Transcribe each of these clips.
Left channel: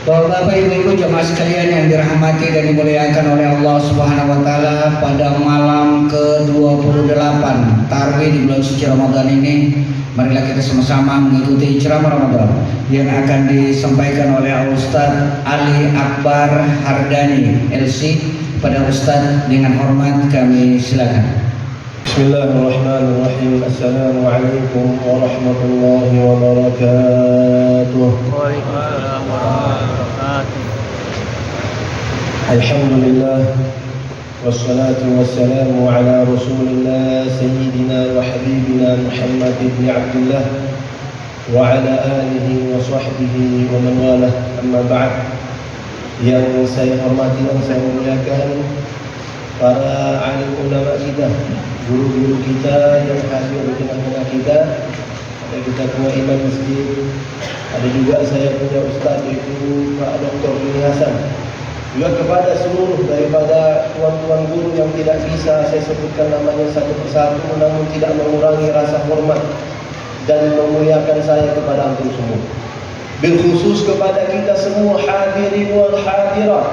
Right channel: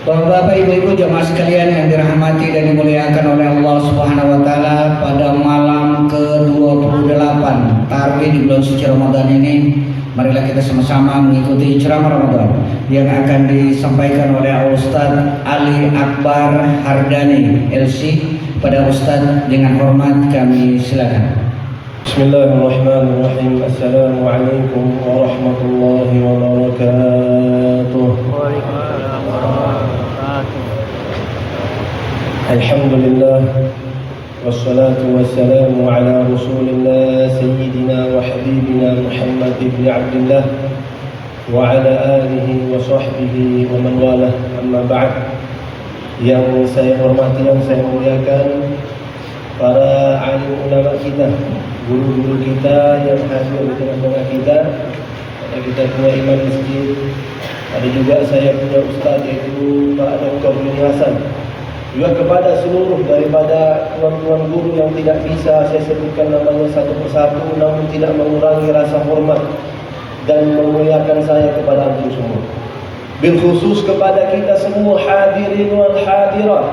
Bapak Ibu jemaah sekalian yang dirahmati dan dimuliakan oleh Allah Subhanahu wa taala, pada malam ke-28 Tarawih di bulan suci Ramadan ini, marilah kita sama-sama mengikuti ceramah Ramadan yang akan disampaikan oleh Ustaz Ali Akbar Hardani LC. Pada Ustaz dengan hormat kami silakan. Bismillahirrahmanirrahim. Assalamualaikum warahmatullahi wabarakatuh. Waalaikumsalam warahmatullahi wabarakatuh. Alhamdulillah wassalatu wassalamu ala Rasulillah sayyidina wa habibina Muhammad ibn Abdullah wa ala alihi wa sahbihi wa man walah. Amma ba'd. Yang saya hormati dan saya muliakan para alim ulama kita, guru-guru kita yang hadir di tengah-tengah kita. Ada kita punya imam masjid, ada juga saya punya ustaz yaitu Pak Dr. Bini Hasan. Juga kepada seluruh daripada tuan-tuan guru yang tidak bisa saya sebutkan namanya satu persatu, namun tidak mengurangi rasa hormat dan memuliakan saya kepada antum semua. Berkhusus kepada kita semua hadirin wal hadirat,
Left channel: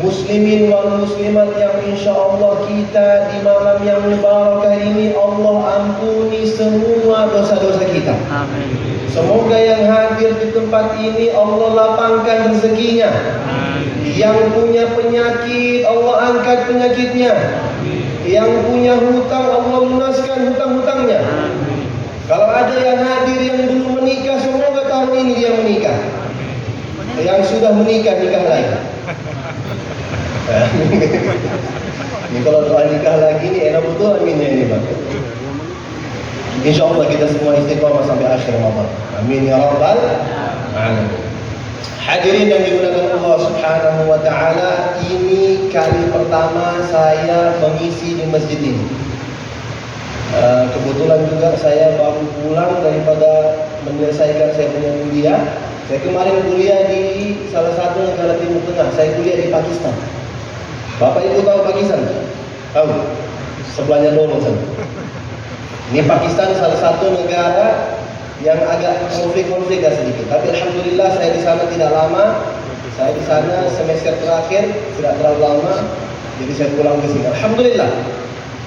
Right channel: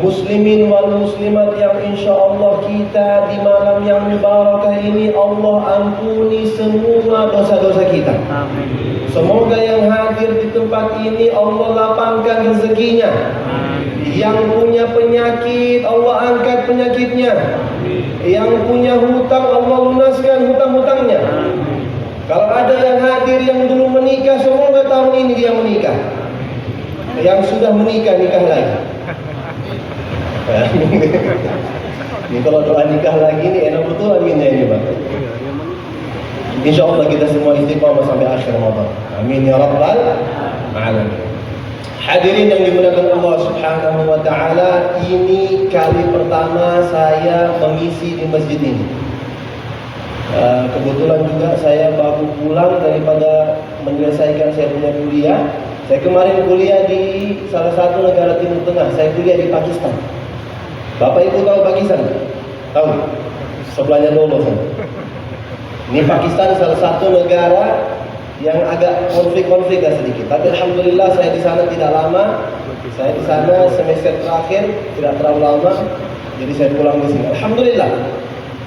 muslimin wal muslimat yang insyaAllah kita di malam yang mubarakah ini Allah ampuni semua dosa-dosa kita. Amin. Semoga yang hadir di tempat ini Allah lapangkan rezekinya. Amin. Yang punya penyakit Allah angkat penyakitnya. Yang punya hutang Allah lunaskan hutang-hutangnya. Kalau ada yang hadir yang belum menikah, semoga tahun ini dia menikah. Yang sudah menikah, nikah lagi. Ini kalau doa nikah lagi nih enak betul aminnya ini Pak. Insya Allah kita semua istiqomah sampai akhir Ramadan. Amin ya rabbal alamin. Hadirin yang dimuliakan Allah Subhanahu wa taala, ini kali pertama saya mengisi di masjid ini. Kebetulan juga saya baru pulang daripada menyelesaikan saya punya kuliah. Saya kemarin kuliah di salah satu negara Timur Tengah. Saya kuliah di Pakistan. Bapak Ibu tahu Pakistan? Tahu? Sebelahnya dulu sana. Ini Pakistan salah satu negara yang agak konflik-konflik sedikit. Tapi alhamdulillah saya di sana tidak lama. Saya di sana semester terakhir, tidak terlalu lama. Jadi saya pulang ke sini. Alhamdulillah.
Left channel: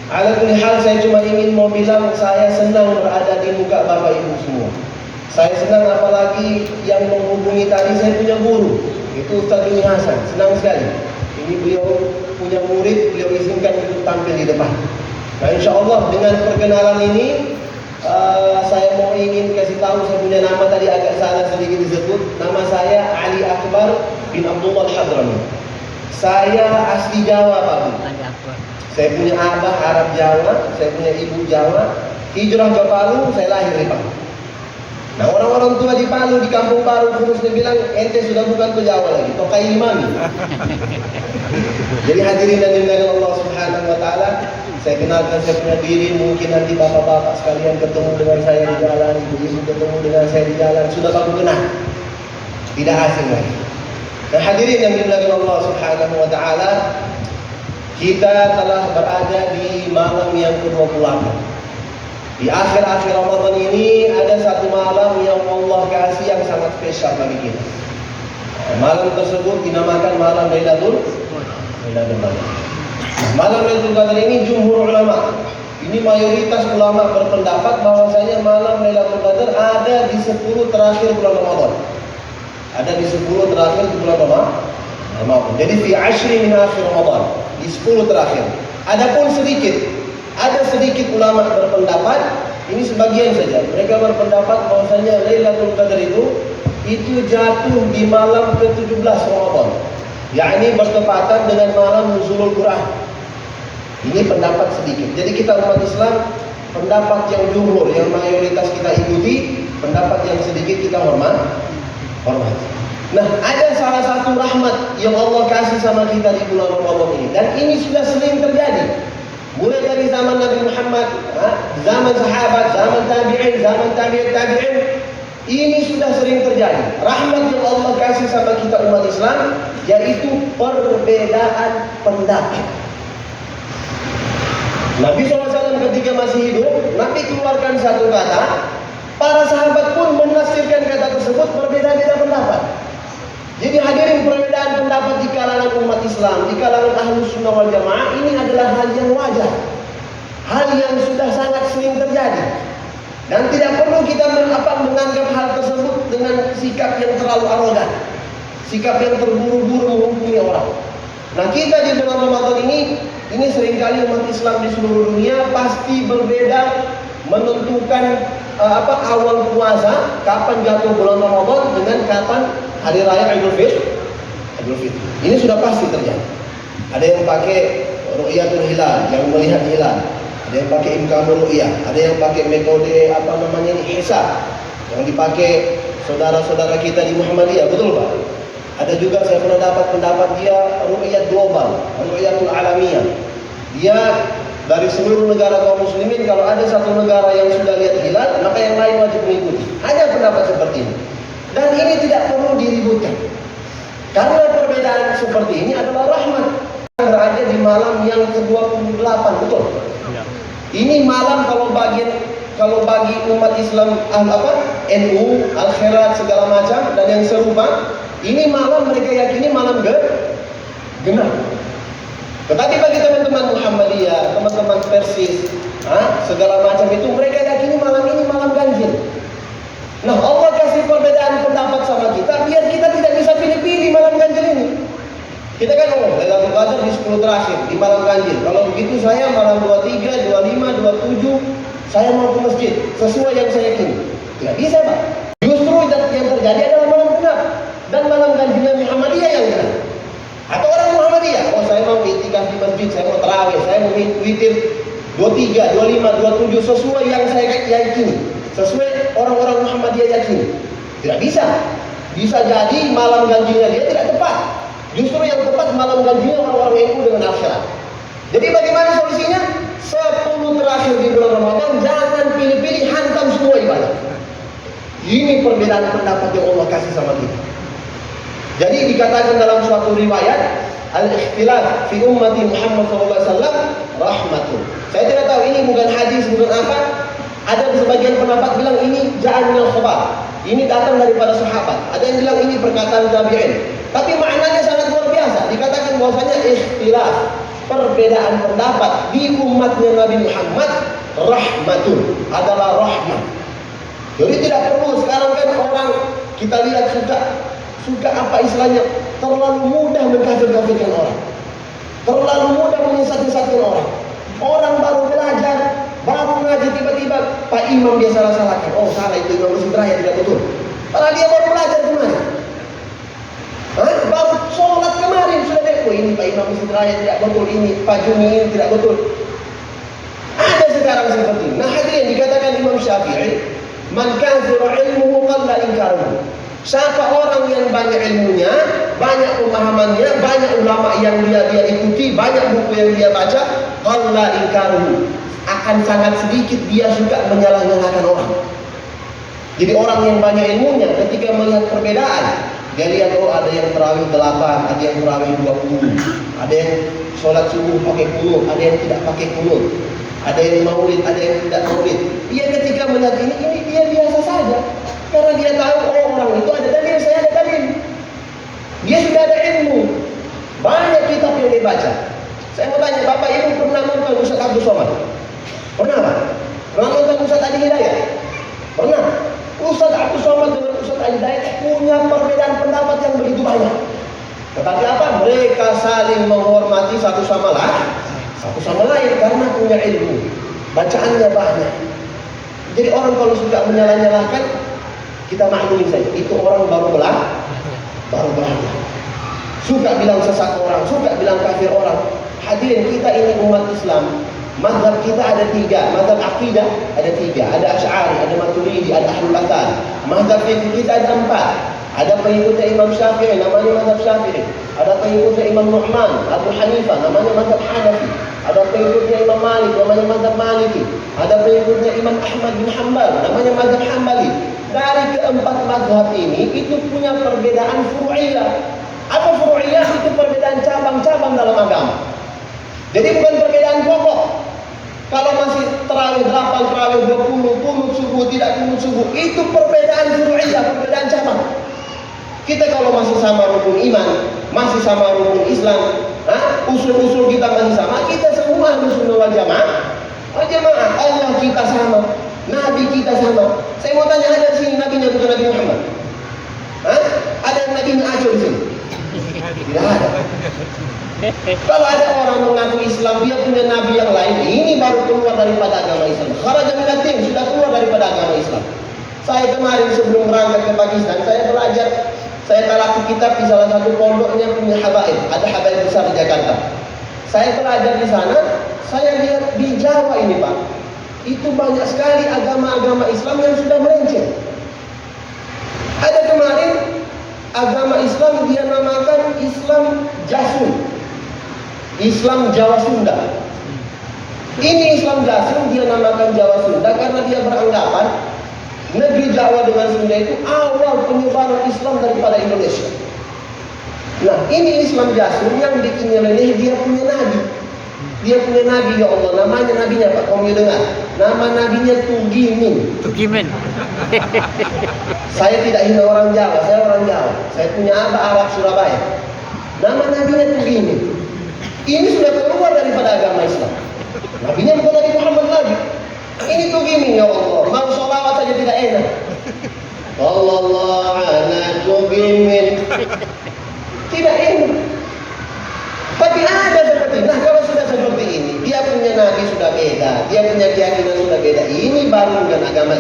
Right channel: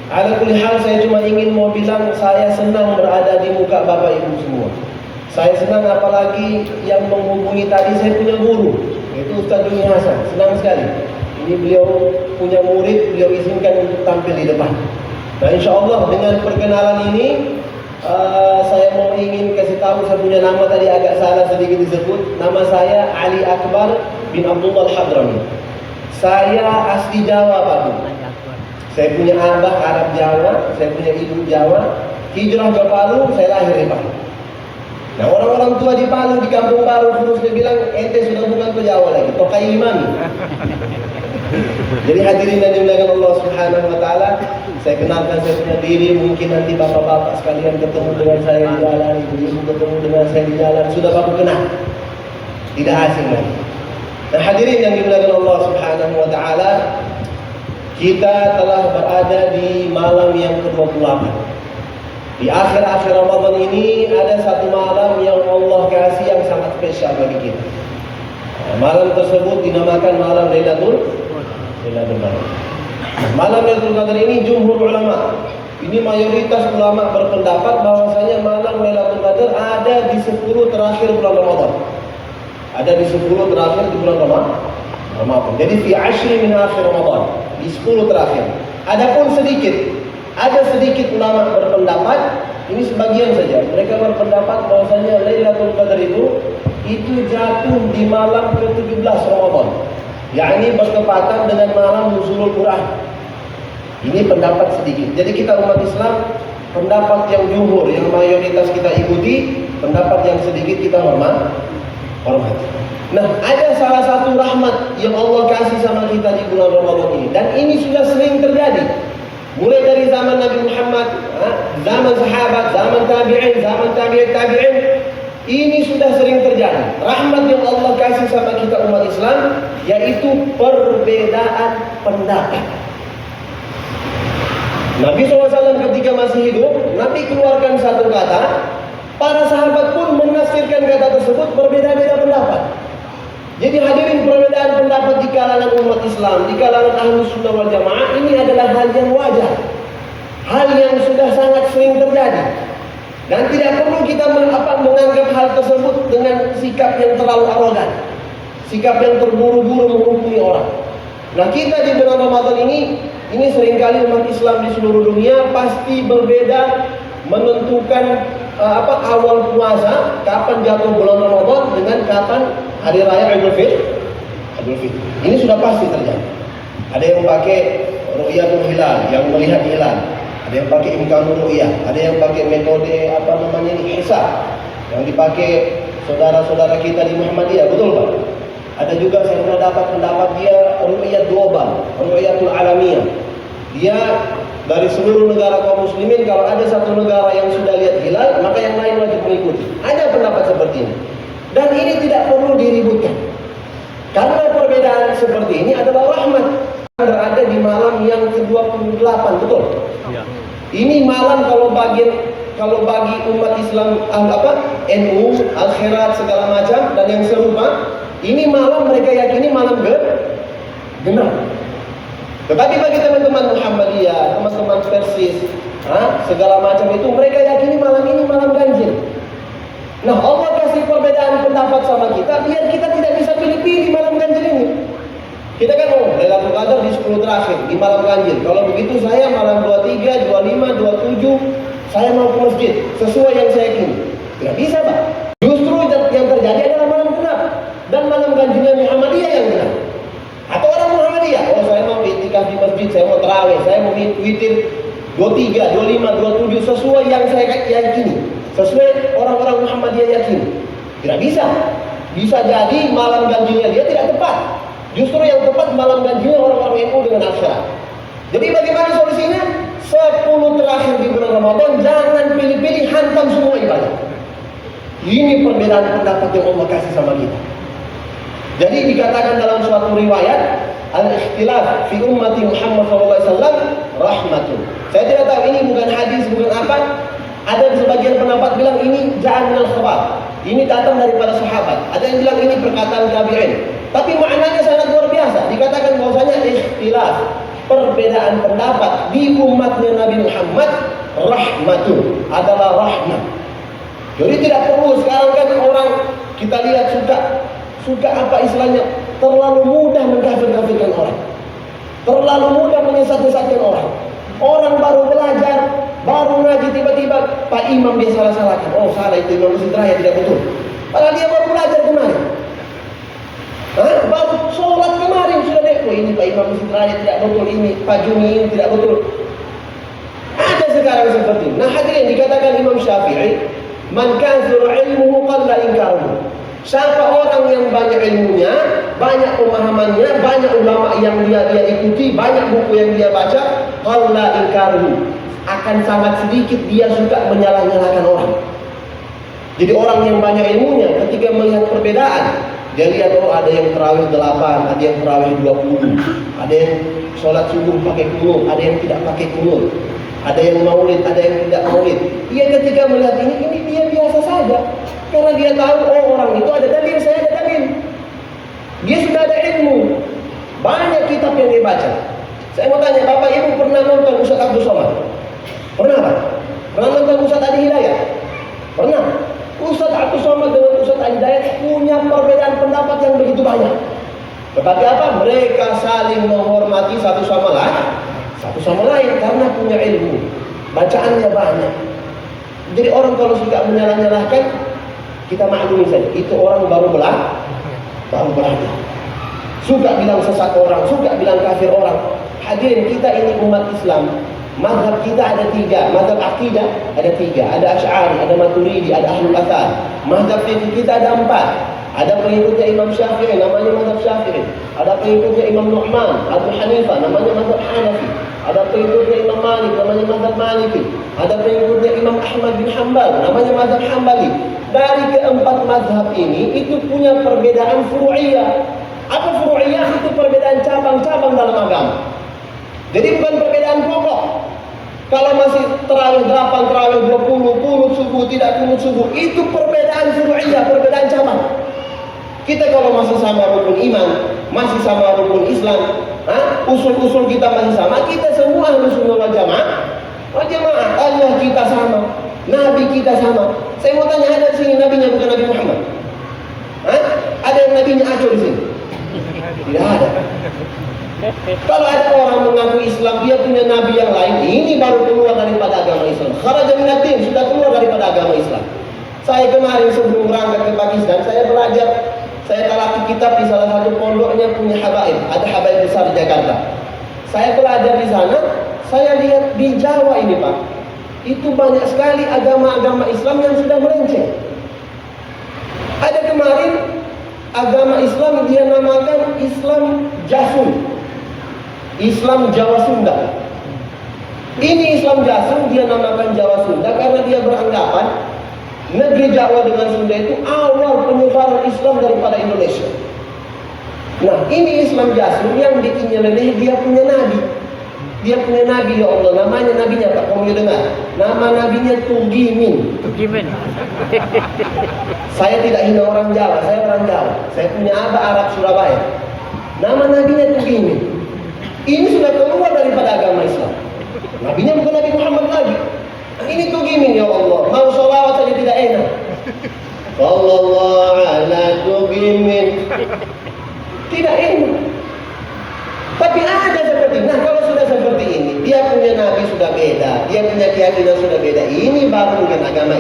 Ala kulli hal, saya cuma ingin mau bilang saya senang berada di muka Bapak Ibu semua. Saya senang apalagi yang menghubungi tadi saya punya guru, itu Ustaz Bini Hasan. Senang sekali. Ini beliau punya murid, beliau izinkan untuk tampil di depan. Nah insya Allah dengan perkenalan ini saya mau ingin kasih tahu, saya punya nama tadi agak salah sedikit disebut. Nama saya Ali Akbar bin Abdullah Al-Hadrami. Saya asli Jawa Pak Bu. Saya punya abah Arab Jawa, saya punya ibu Jawa. Hijrah ke Palu, saya lahir di Palu. Nah orang-orang tua di Palu, di kampung Palu khususnya bilang, ente sudah bukan ke Jawa lagi, Tokai Imami. Jadi hadirin dan dimuliakan Allah Subhanahu wa taala, saya kenalkan saya punya diri. Mungkin nanti bapak-bapak sekalian ketemu dengan saya di jalan, ibu-ibu ketemu dengan saya di jalan, sudah baru kenal, tidak asing lagi. Nah hadirin yang dimuliakan Allah Subhanahu wa taala, kita telah berada di malam yang ke-28. Di akhir-akhir Ramadan ini ada satu malam yang Allah kasih yang sangat spesial bagi kita. Malam tersebut dinamakan malam Lailatul Qadar. Malam Lailatul Qadar ini jumhur ulama, ini mayoritas ulama berpendapat bahwasanya malam Lailatul Qadar ada di 10 terakhir bulan Ramadan. Ada di 10 terakhir di bulan Ramadan. Jadi fi ashri min akhir Ramadan, di 10 terakhir. Adapun ada sedikit ulama berpendapat, ini sebagian saja. Mereka berpendapat bahwasanya Lailatul Qadar itu jatuh di malam ke-17 Ramadan. Yakni bertepatan dengan malam nuzulul Quran. Ini pendapat sedikit. Jadi kita umat Islam, pendapat yang jumhur, yang mayoritas kita ikuti, pendapat yang sedikit kita hormati. Nah, ada salah satu rahmat yang Allah kasih sama kita di bulan Ramadan ini, dan ini sudah sering terjadi. Mulai dari zaman Nabi Muhammad, zaman sahabat, zaman tabi'in, zaman tabi'in, ini sudah sering terjadi. Rahmat yang Allah kasih sama kita umat Islam, yaitu perbedaan pendapat. Nabi SAW ketika masih hidup, Nabi keluarkan satu kata, para sahabat pun menafsirkan kata tersebut berbeda-beda pendapat. Jadi hadirin, perbedaan pendapat di kalangan umat Islam, di kalangan Ahlus Sunnah wal Jamaah ini adalah hal yang wajar. Hal yang sudah sangat sering terjadi. Dan tidak perlu kita menganggap hal tersebut dengan sikap yang terlalu arogan. Sikap yang terburu-buru menghukumi orang. Nah, kita di bulan Ramadan ini seringkali umat Islam di seluruh dunia pasti berbeda menentukan awal puasa, kapan jatuh bulan Ramadan dengan kapan hari raya Idul Fitri. Ini sudah pasti terjadi. Ada yang pakai ru'yatul hilal, yang melihat hilal. Ada yang pakai imkanul ru'yah, ada yang pakai metode ihsa, yang dipakai saudara-saudara kita di Muhammadiyah, betul Pak? Ada juga saya pernah dapat pendapat dia ru'yat global, ru'yatul alamiyah. Dia dari seluruh negara kaum muslimin, kalau ada satu negara yang sudah lihat hilal, maka yang lain wajib mengikuti. Ada pendapat seperti ini. Dan ini tidak perlu diributkan. Karena perbedaan seperti ini adalah rahmat. Berada di malam yang ke-28, betul? Ya. Ini malam kalau bagi umat Islam NU, Al-Khairat segala macam dan yang serupa, ini malam mereka yakini malam genap. Tetapi bagi teman-teman Muhammadiyah, teman-teman Persis, segala macam itu, mereka yakini malam ini malam ganjil. Nah, Allah kasih perbedaan pendapat sama kita biar kita tidak bisa pilih-pilih malam ganjil ini. Kita kan Lailatul Qadar di 10 terakhir di malam ganjil. Kalau begitu saya malam 23, 25, 27 saya mau ke masjid sesuai yang saya yakini. Tidak bisa, Pak. Justru yang terjadi adalah malam genap dan malam ganjilnya Muhammadiyah yang genap. Atau orang Muhammadiyah, saya mau iktikaf di masjid, saya mau tarawih, saya mau witir 23, 25, 27 sesuai yang saya yakini, sesuai orang-orang Muhammadiyah yakini. Tidak bisa. Bisa jadi malam ganjilnya dia tidak tepat. Justru yang tepat malam ganjilnya orang-orang NU dengan Al-Khairat. Jadi bagaimana solusinya? 10 terakhir di bulan Ramadan jangan pilih-pilih, hantam semua ibadah. Ini perbedaan pendapat yang Allah kasih sama kita. Jadi dikatakan dalam suatu riwayat, al-ikhtilaf fi ummati Muhammad SAW rahmatun. Saya tidak tahu ini bukan hadis, bukan apa. Ada sebagian pendapat bilang ini ja'an minal khabar. Ini datang daripada sahabat. Ada yang bilang ini perkataan tabi'in. Tapi maknanya sangat luar biasa. Dikatakan bahwasanya ikhtilaf, perbedaan pendapat di umatnya Nabi Muhammad rahmatun, adalah rahmat. Jadi tidak perlu sekarang kan orang kita lihat suka apa istilahnya, terlalu mudah mengkafir-kafirkan orang, terlalu mudah menyesat-nyesatkan orang. Orang baru belajar, baru ngaji, tiba-tiba Pak Imam dia salah-salahkan. Oh salah itu Imam Masjid Raya, tidak betul. Padahal dia baru belajar kemarin. Baru sholat kemarin sudah lihat, oh ini Pak Imam Masjid Raya tidak betul, ini Pak Juni ini tidak betul. Ada sekarang seperti ini. Nah hadirin, dikatakan Imam Syafi'i, man kathura ilmuhu qalla inkaruhu. Siapa orang yang banyak ilmunya, banyak pemahamannya, banyak ulama yang dia ikuti, banyak buku yang dia baca, qalla inkaruhu, akan sangat sedikit dia suka menyalah-nyalahkan orang. Jadi orang yang banyak ilmunya ketika melihat perbedaan, dia lihat ada yang terawih 8, ada yang terawih 20, ada yang sholat subuh pakai kunut, ada yang tidak pakai kunut, ada yang maulid, ada yang tidak maulid. Dia ketika melihat ini dia biasa saja. Karena dia tahu orang itu ada dalil, saya ada dalil. Dia sudah ada ilmu. Banyak kitab yang dia baca. Saya mau tanya, Bapak Ibu pernah nonton Ustaz Abdul Somad? Pernah Pak? Pernah nonton Ustaz Adi Hidayat? Pernah? Ustaz Abdul Somad dengan Ustaz Adi Hidayat punya perbedaan pendapat yang begitu banyak. Tetapi apa? Mereka saling menghormati satu sama lain karena punya ilmu. Bacaannya banyak. Jadi orang kalau suka menyalah-nyalahkan, kita maklumi saja, itu orang baru belajar. Suka bilang sesat orang, suka bilang kafir orang. Hadirin, kita ini umat Islam. Mazhab kita ada 3, mazhab akidah ada 3, ada Asy'ari, ada Maturidi, ada Ahlul Athar. Mazhab kita ada 4. Ada pengikutnya Imam Syafi'i, namanya mazhab Syafi'i. Ada pengikutnya Imam Nu'man, Abu Hanifah, namanya mazhab Hanafi. Ada pengikutnya Imam Malik, namanya mazhab Maliki. Ada pengikutnya Imam Ahmad bin Hanbal, namanya mazhab Hambali. Dari keempat mazhab ini itu punya perbedaan furu'iyah. Apa furu'iyah? Itu perbedaan cabang-cabang dalam agama. Jadi bukan perbedaan pokok. Kalau masih terawih 8, terawih 20, kunut subuh, tidak kunut subuh, itu perbedaan furu'iyah, perbedaan cabang. Kita kalau masih sama rukun iman, masih sama rukun Islam, usul-usul kita masih sama, kita semua harus wal jamaah. Oh jamaah, Allah kita sama, Nabi kita sama. Saya mau tanya, ada di sini nabinya bukan Nabi Muhammad? Ada yang nabinya Aceh di sini? Tidak ada. Kalau ada orang mengaku Islam, dia punya nabi yang lain, ini baru keluar daripada agama Islam. Kharaja minad din, sudah keluar daripada agama Islam. Saya kemarin sebelum berangkat ke Pakistan, saya belajar, saya talaki kitab di salah satu pondoknya punya habaib. Ada habaib besar di Jakarta. Saya belajar di sana, saya lihat di Jawa ini Pak, itu banyak sekali agama-agama Islam yang sudah melenceng. Ada kemarin agama Islam dia namakan Islam Jasun, Islam Jawa Sunda. Ini Islam Jasun dia namakan Jawa Sunda karena dia beranggapan negeri Jawa dengan Sunda itu awal penyebaran Islam daripada Indonesia. Nah ini Islam Jasun yang diinyeleneh dia punya nabi. Dia punya nabi, ya Allah, namanya nabinya Pak, kamu dengar? Nama nabinya Tugimin. Tugimin. Saya tidak hina orang Jawa, saya orang Jawa. Saya punya abah Arab Surabaya. Nama nabinya Tugimin. Ini sudah keluar daripada agama Islam. Nabinya bukan Nabi Muhammad lagi. Ini Tugimin, ya Allah. Mau sholawat saja tidak enak. Sallallahu ala Tugimin. Tidak enak. Tapi ada seperti, nah kalau sudah seperti ini, dia punya nabi sudah beda, dia punya keyakinan sudah beda. Ini baru bukan agama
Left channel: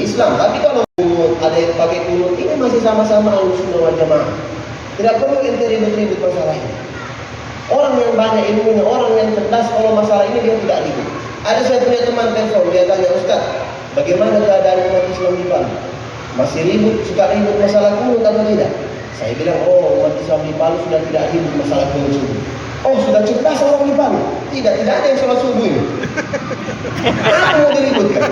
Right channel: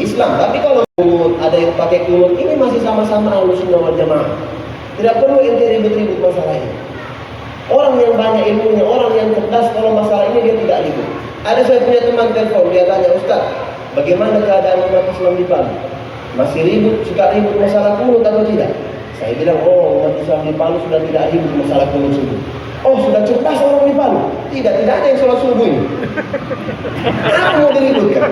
Islam. Tapi kalau ada yang pakai kunut, ini masih sama-sama Ahlussunnah wal Jamaah. Tidak perlu ente ribut-ribut masalah ini. Orang yang banyak ilmunya, orang yang cerdas, kalau masalah ini dia tidak ribut. Ada saya punya teman telepon, dia tanya, Ustaz, bagaimana keadaan umat Islam di Palu? Masih ribut, suka ribut masalah kunut atau tidak? Saya bilang, oh umat Islam di Palu sudah tidak ribut masalah kunut subuh. Oh sudah cerdas orang di Palu? Tidak ada yang sholat subuh ini. Apa mau diributkan?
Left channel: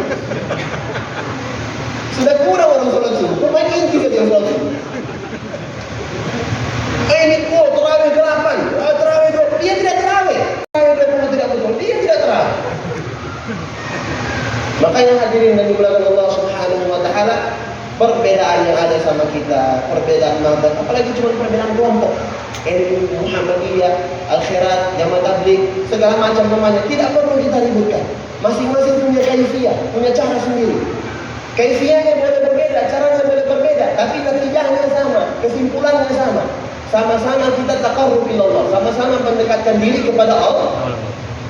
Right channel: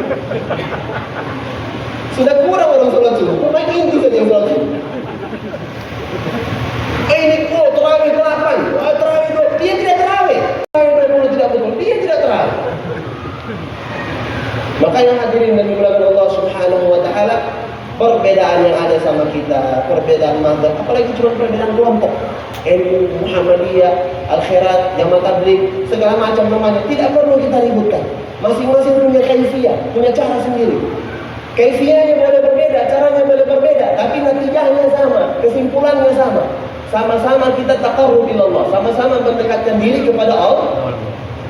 Sudah kurang orang sholat subuh, pemain inti saja yang sholat subuh. Ini terawih 8, terawih 2, dia tidak terawih. Terawih 20 tidak betul, dia tidak terawih. Makanya hadirin yang dimuliakan Allah Subhanahu wa Ta'ala, perbedaan yang ada sama kita, perbedaan mazhab, apalagi cuma perbedaan kelompok, NU, Muhammadiyah, Al-Khairat, Jamaah Tabligh, segala macam namanya, tidak perlu kita ributkan. Masing-masing punya kaifiyah, punya cara sendiri. Kaifiyahnya boleh berbeda, caranya boleh berbeda, tapi natijahnya sama, kesimpulannya sama. Sama-sama kita taqarrub ilallah, sama-sama mendekatkan diri kepada Allah.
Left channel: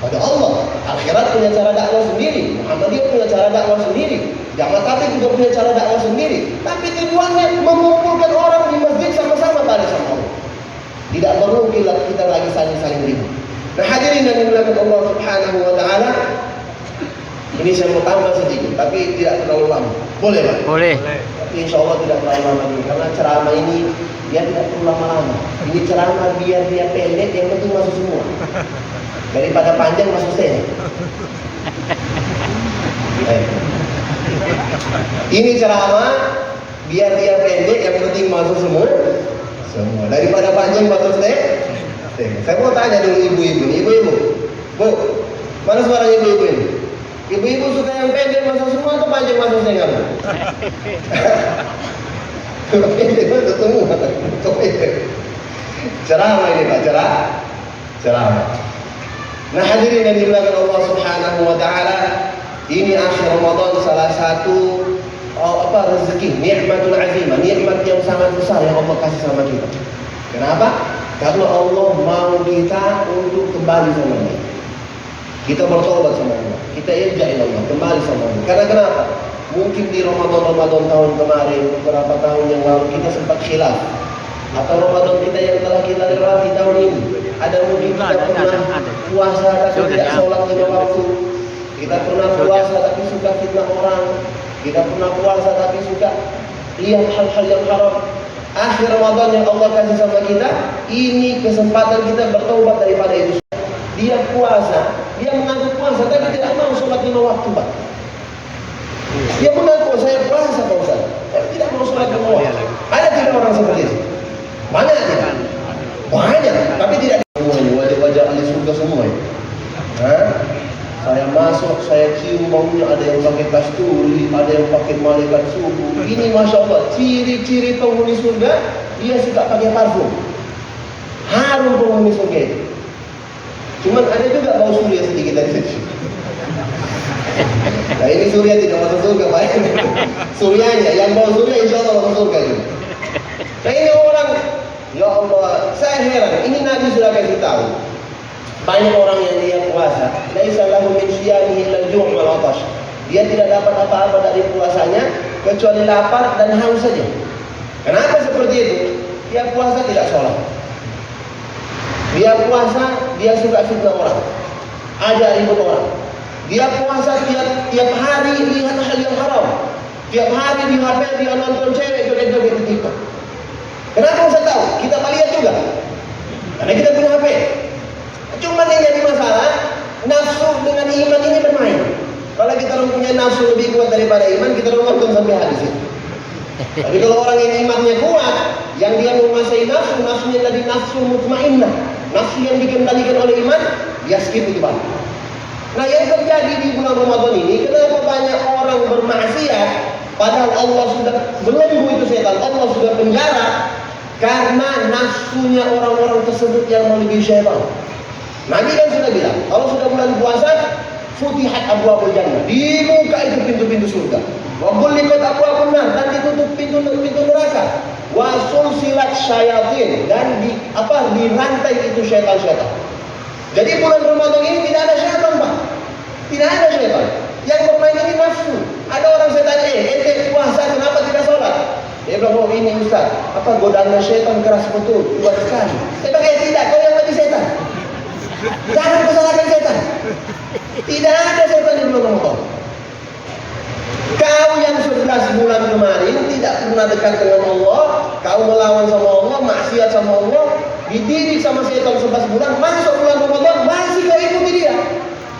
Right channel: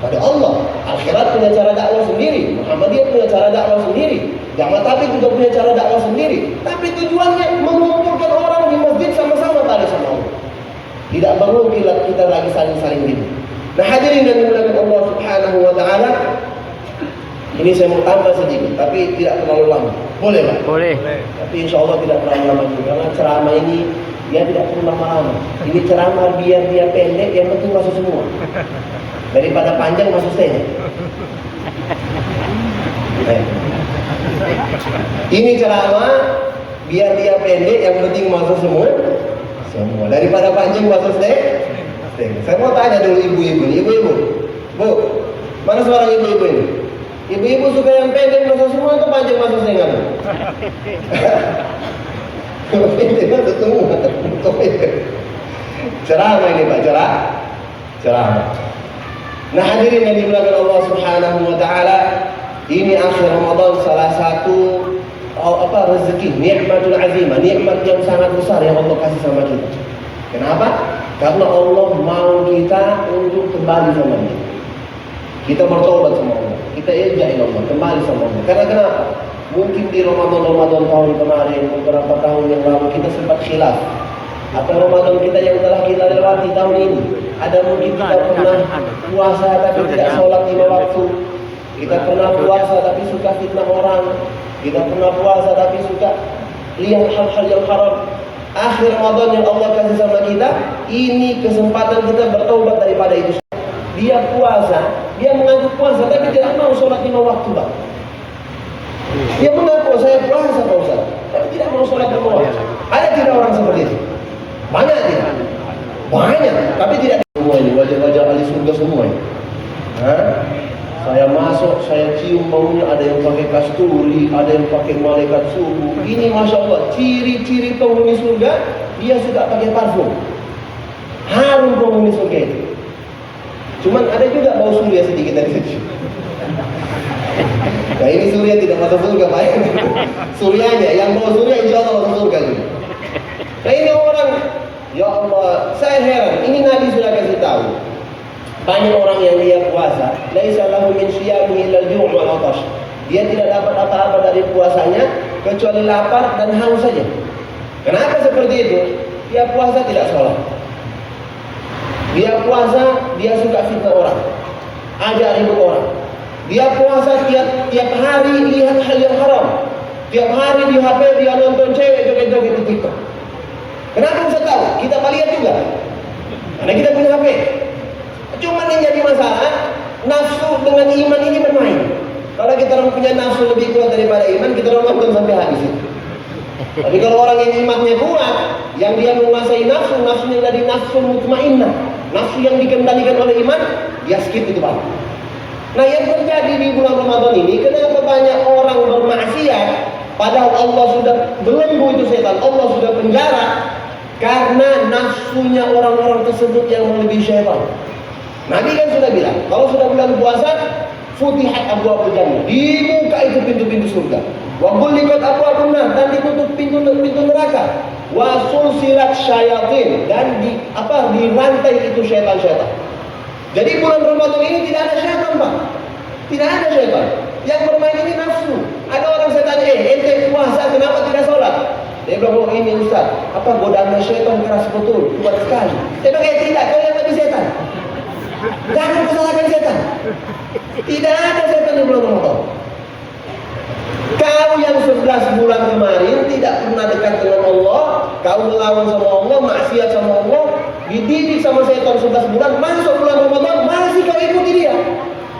Pada Allah. Al-Khairat punya cara dakwah sendiri, Muhammadiyah punya cara dakwah sendiri, Jamaah Tabligh juga punya cara dakwah sendiri. Tapi tujuannya mengumpulkan orang di masjid sama-sama pada sama Allah. Tidak perlu kita lagi saling-saling ribut. Nah hadirin dan dimuliakan Allah Subhanahu wa Ta'ala, ini saya mau tambah sedikit, tapi tidak terlalu lama. Boleh Pak? Boleh. Tapi insya Allah tidak terlalu lama karena ceramah ini dia tidak perlu lama-lama. Ini ceramah biar dia pendek, yang penting masuk semua. Daripada panjang masuk saya. Ini ceramah biar dia pendek, yang penting masuk semua. Daripada panjang masuk saya. Saya mau tanya dulu ibu-ibu, Bu, mana suara ibu-ibu ini? Ibu-ibu suka yang pendek masuk semua atau panjang masuk saya nggak? Pendek masuk semua. Ceramah ini Pak, ceramah. Nah hadirin yang dimuliakan Allah Subhanahu wa Ta'ala, ini akhir Ramadan salah satu rezeki, nikmatul azimah, nikmat yang sangat besar yang Allah kasih sama kita. Kenapa? Karena Allah mau kita untuk kembali sama Dia. Kita bertobat sama Allah, kita ilja ila Allah, kembali sama Allah. Karena kenapa? Mungkin di Ramadan tahun kemarin, beberapa tahun yang lalu kita sempat khilaf. Atau Ramadan kita yang telah kita lewati tahun ini, ada mungkin kita pernah puasa tapi tidak sholat 5 waktu. Kita pernah puasa tapi suka fitnah orang. Kita pernah puasa tapi suka lihat hal-hal yang haram. Akhir Ramadan yang Allah kasih sama kita, ini kesempatan kita bertobat daripada itu. Dia puasa, dia mengaku puasa tapi tidak mau sholat 5 waktu Pak. Dia mengaku saya puasa Pak Ustaz, tapi tidak mau sholat 5 waktu. Ada tidak orang seperti itu? Banyak tidak? Banyak, tapi tidak semua ini wajah-wajah ahli surga semua ini. Saya masuk, saya cium baunya, ada yang pakai kasturi, ada yang pakai malaikat subuh. Ini Masya Allah, ciri-ciri penghuni surga, dia suka pakai parfum. Harum penghuni surga itu. Cuman ada juga bau surya sedikit dari situ. Nah ini surya tidak masuk surga, Pak. Suryanya, yang bau surya insya Allah masuk surga juga. Nah ini orang, ya Allah, saya heran. Ini Nabi sudah kasih tahu. Banyak orang yang dia puasa, laisa lahu min siyamihi illa al-ju' wal 'atash. Dia tidak dapat apa-apa dari puasanya kecuali lapar dan haus saja. Kenapa seperti itu? Dia puasa tidak sholat. Dia puasa, dia suka fitnah orang, ajak ribut orang. Dia puasa tiap hari lihat hal yang haram. Tiap hari di HP dia nonton cewek joget-joget di TikTok. Kenapa saya tahu? Kita lihat juga. Karena kita punya HP. Cuma yang jadi masalah, nafsu dengan iman ini bermain. Kalau kita orang punya nafsu lebih kuat daripada iman, kita orang nonton sampai habis. Tapi kalau orang yang imannya kuat, yang dia menguasai nafsu, nafsunya tadi nafsu mutmainnah, nafsu yang dikendalikan oleh iman, dia skip itu Pak. Nah yang terjadi di bulan Ramadan ini, kenapa banyak orang bermaksiat, padahal Allah sudah belenggu itu setan, Allah sudah penjara, karena nafsunya orang-orang tersebut yang melebihi syaitan. Nabi kan sudah bilang, kalau sudah bulan puasa, futihat abwaabul jannah, dibuka itu pintu-pintu surga. Wa ghulliqat abwaabun nar, dan ditutup pintu neraka. Wa sulsilat syayatin, dan dirantai itu syaitan-syaitan. Jadi bulan Ramadan ini tidak ada syaitan, Pak. Tidak ada syaitan. Yang bermain ini nafsu. Ada orang saya tanya, ente puasa kenapa tidak sholat? Dia bilang, oh ini Ustaz, apa godaannya syaitan keras betul, kuat sekali. Saya bilang, tidak, kau yang lebih setan. Jangan kesalahan setan. Tidak ada setan di bulan Ramadan. Kau yang 11 bulan kemarin tidak pernah dekat dengan Allah, kau melawan sama Allah, maksiat sama Allah, dididik sama setan 11 bulan, masuk bulan Ramadan masih kau ikuti dia.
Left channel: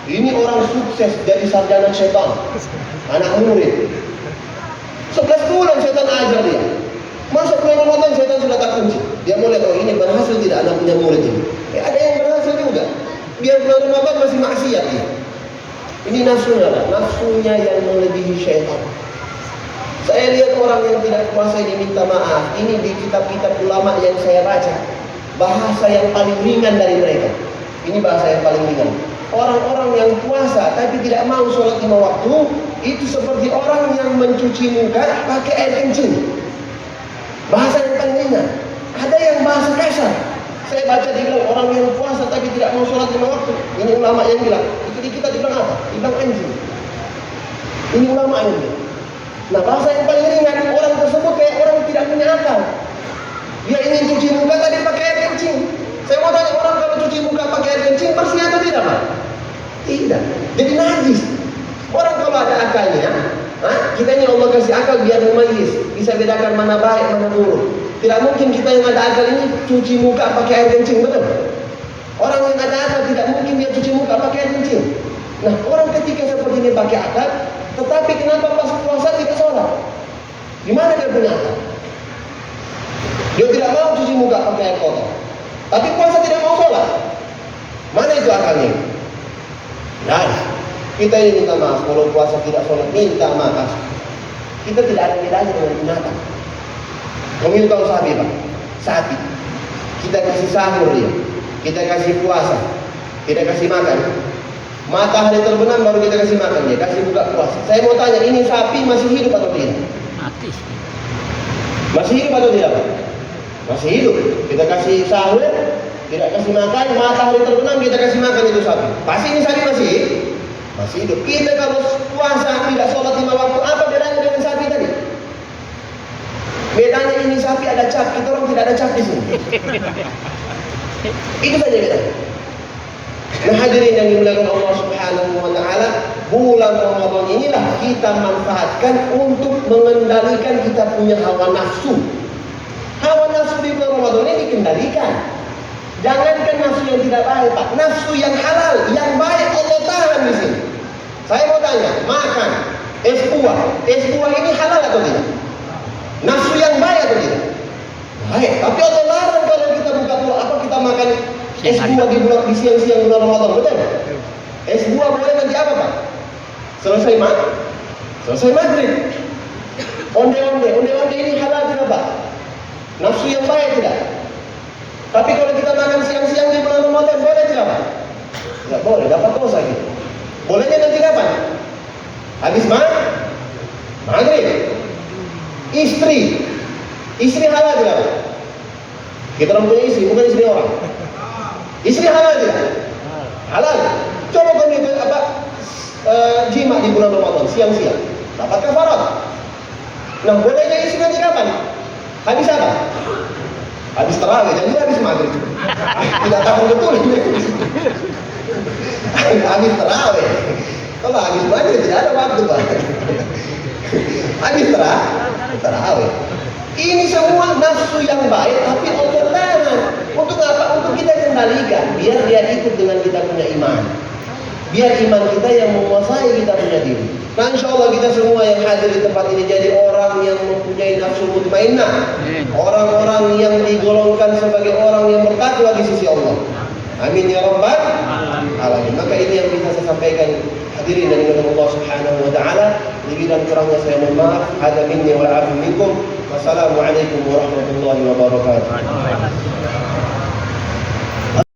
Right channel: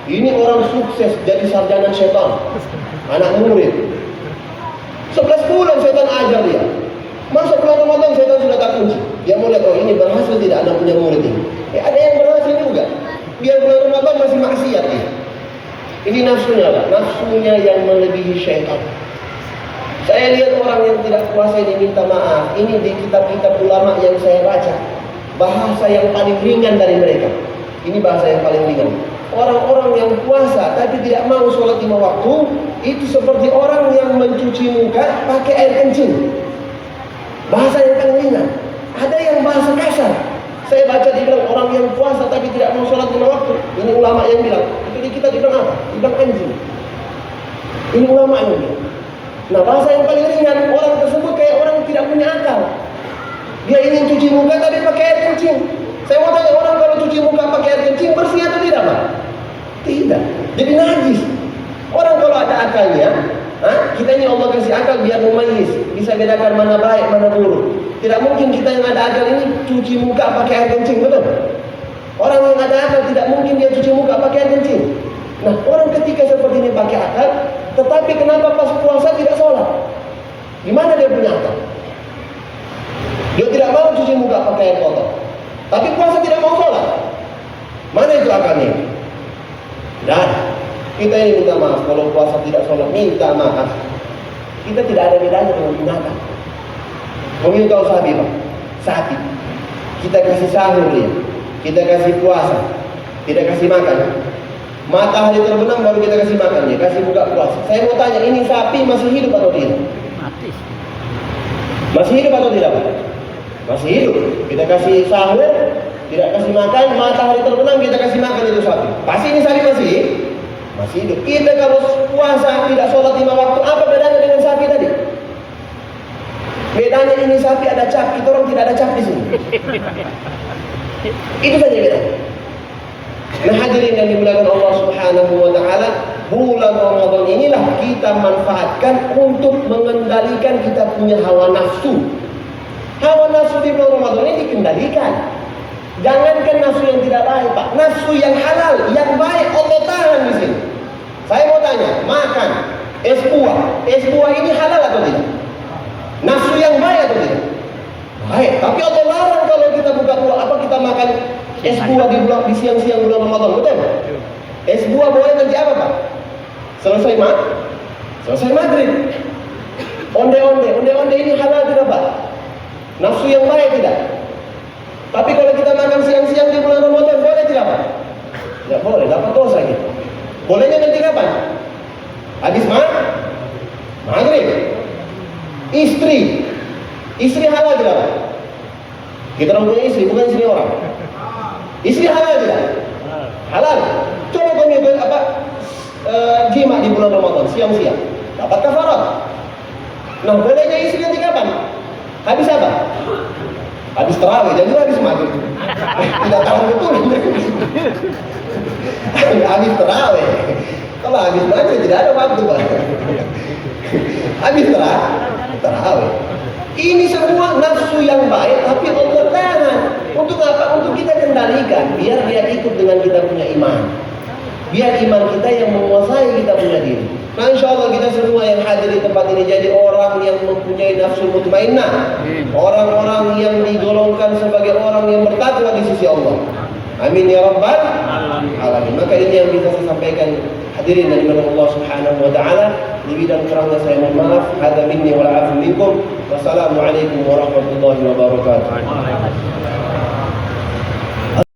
Ini orang sukses jadi sarjana setan, anak murid. 11 bulan setan ajar dia. Masuk bulan Ramadan setan sudah tak kunci. Dia mau lihat, oh ini berhasil tidak anak punya murid ini. Ada yang berhasil juga. Dia bulan Ramadan masih maksiat dia. Ini nafsunya, nafsunya yang melebihi syaitan. Saya lihat orang yang tidak puasa ini minta maaf. Ini di kitab-kitab ulama yang saya baca, bahasa yang paling ringan dari mereka. Ini bahasa yang paling ringan. Orang-orang yang puasa tapi tidak mau sholat 5 waktu, itu seperti orang yang mencuci muka pakai air kencing. Bahasa yang paling ringan. Ada yang bahasa kasar. Saya baca dibilang orang yang puasa tapi tidak mau sholat 5 waktu. Ini ulama yang bilang. Itu di kita dibilang apa? Dibilang anjing. Ini ulama yang bilang. Nah bahasa yang paling ringan, orang tersebut kayak orang yang tidak punya akal. Dia ingin cuci muka tapi pakai air kencing. Saya mau tanya, orang kalau cuci muka pakai air kencing bersih atau tidak, Pak? Tidak. Jadi najis. Orang kalau ada akalnya, kita ini Allah kasih akal biar memayis, bisa bedakan mana baik, mana buruk. Tidak mungkin kita yang ada akal ini cuci muka pakai air kencing, betul? Orang yang ada akal tidak mungkin dia cuci muka pakai air kencing. Nah, orang ketika seperti ini pakai akal, tetapi kenapa pas puasa tidak sholat? Gimana dia punya akal? Dia tidak mau cuci muka pakai air kotor, tapi puasa tidak mau sholat. Mana itu akalnya? Nah, kita ini minta maaf kalau puasa tidak sholat, minta maaf. Kita tidak ada bedanya dengan binatang. Kamu tahu sapi, Pak? Sapi. Kita kasih sahur dia, kita kasih puasa, kita kasih makan. Matahari terbenam baru kita kasih makan dia, kasih buka puasa. Saya mau tanya, ini sapi masih hidup atau tidak? Mati. Masih hidup atau tidak, Pak? Masih hidup. Kita kasih sahur, tidak kasih makan, matahari terbenam kita kasih makan itu sapi. Pasti ini sapi masih hidup. Kita kalau puasa tidak sholat 5 waktu, apa bedanya dengan sapi tadi? Bedanya ini sapi ada cap, kita orang tidak ada cap di sini. Itu saja beda. Nah hadirin yang dimuliakan Allah Subhanahu wa taala, bulan Ramadan inilah kita manfaatkan untuk mengendalikan kita punya hawa nafsu. Hawa nafsu di bulan Ramadan ini dikendalikan. Jangankan nafsu yang tidak baik, Pak, nafsu yang halal, yang baik Allah tahan di sini. Saya mau tanya, makan es buah ini halal atau tidak? Nafsu yang baik atau tidak? Baik, tapi Allah larang kalau kita buka puasa, apa kita makan es buah di siang-siang bulan Ramadan, betul? Es buah boleh nanti apa, Pak? Selesai Selesai maghrib. Onde-onde ini halal tidak Pak? Nafsu yang baik tidak? Tapi kalau kita makan siang-siang di bulan Ramadan, boleh tidak Pak? Tidak boleh, dapat dosa gitu. Bolehnya nanti kapan? Habis maghrib. Istri halal tidak Pak? Kita orang punya istri, bukan istri orang. Istri halal tidak? Halal. Coba kau jima di bulan Ramadan siang-siang, dapat kafarat. Nah, bolehnya istri nanti kapan? Habis apa? Habis tarawih, jadi habis maghrib. Tidak tahu betul. Habis tarawih. Kalau habis maghrib tidak ada waktu Pak. Habis tarawih. Ini semua nafsu yang baik, tapi Allah tahan. Untuk apa? Untuk kita kendalikan, biar dia ikut dengan kita punya iman. Biar iman kita yang menguasai kita punya diri. Nah, insya Allah kita semua yang hadir di tempat ini jadi orang yang mempunyai nafsu mutmainnah, orang-orang yang digolongkan sebagai orang yang bertakwa di sisi Allah. Amin ya rabbal alamin. Maka ini yang bisa saya sampaikan, hadirin dari Allah Subhanahu wa taala. Lebih dan kurangnya saya mohon maaf. Hada minni wa afu minkum. Wassalamualaikum warahmatullahi wabarakatuh.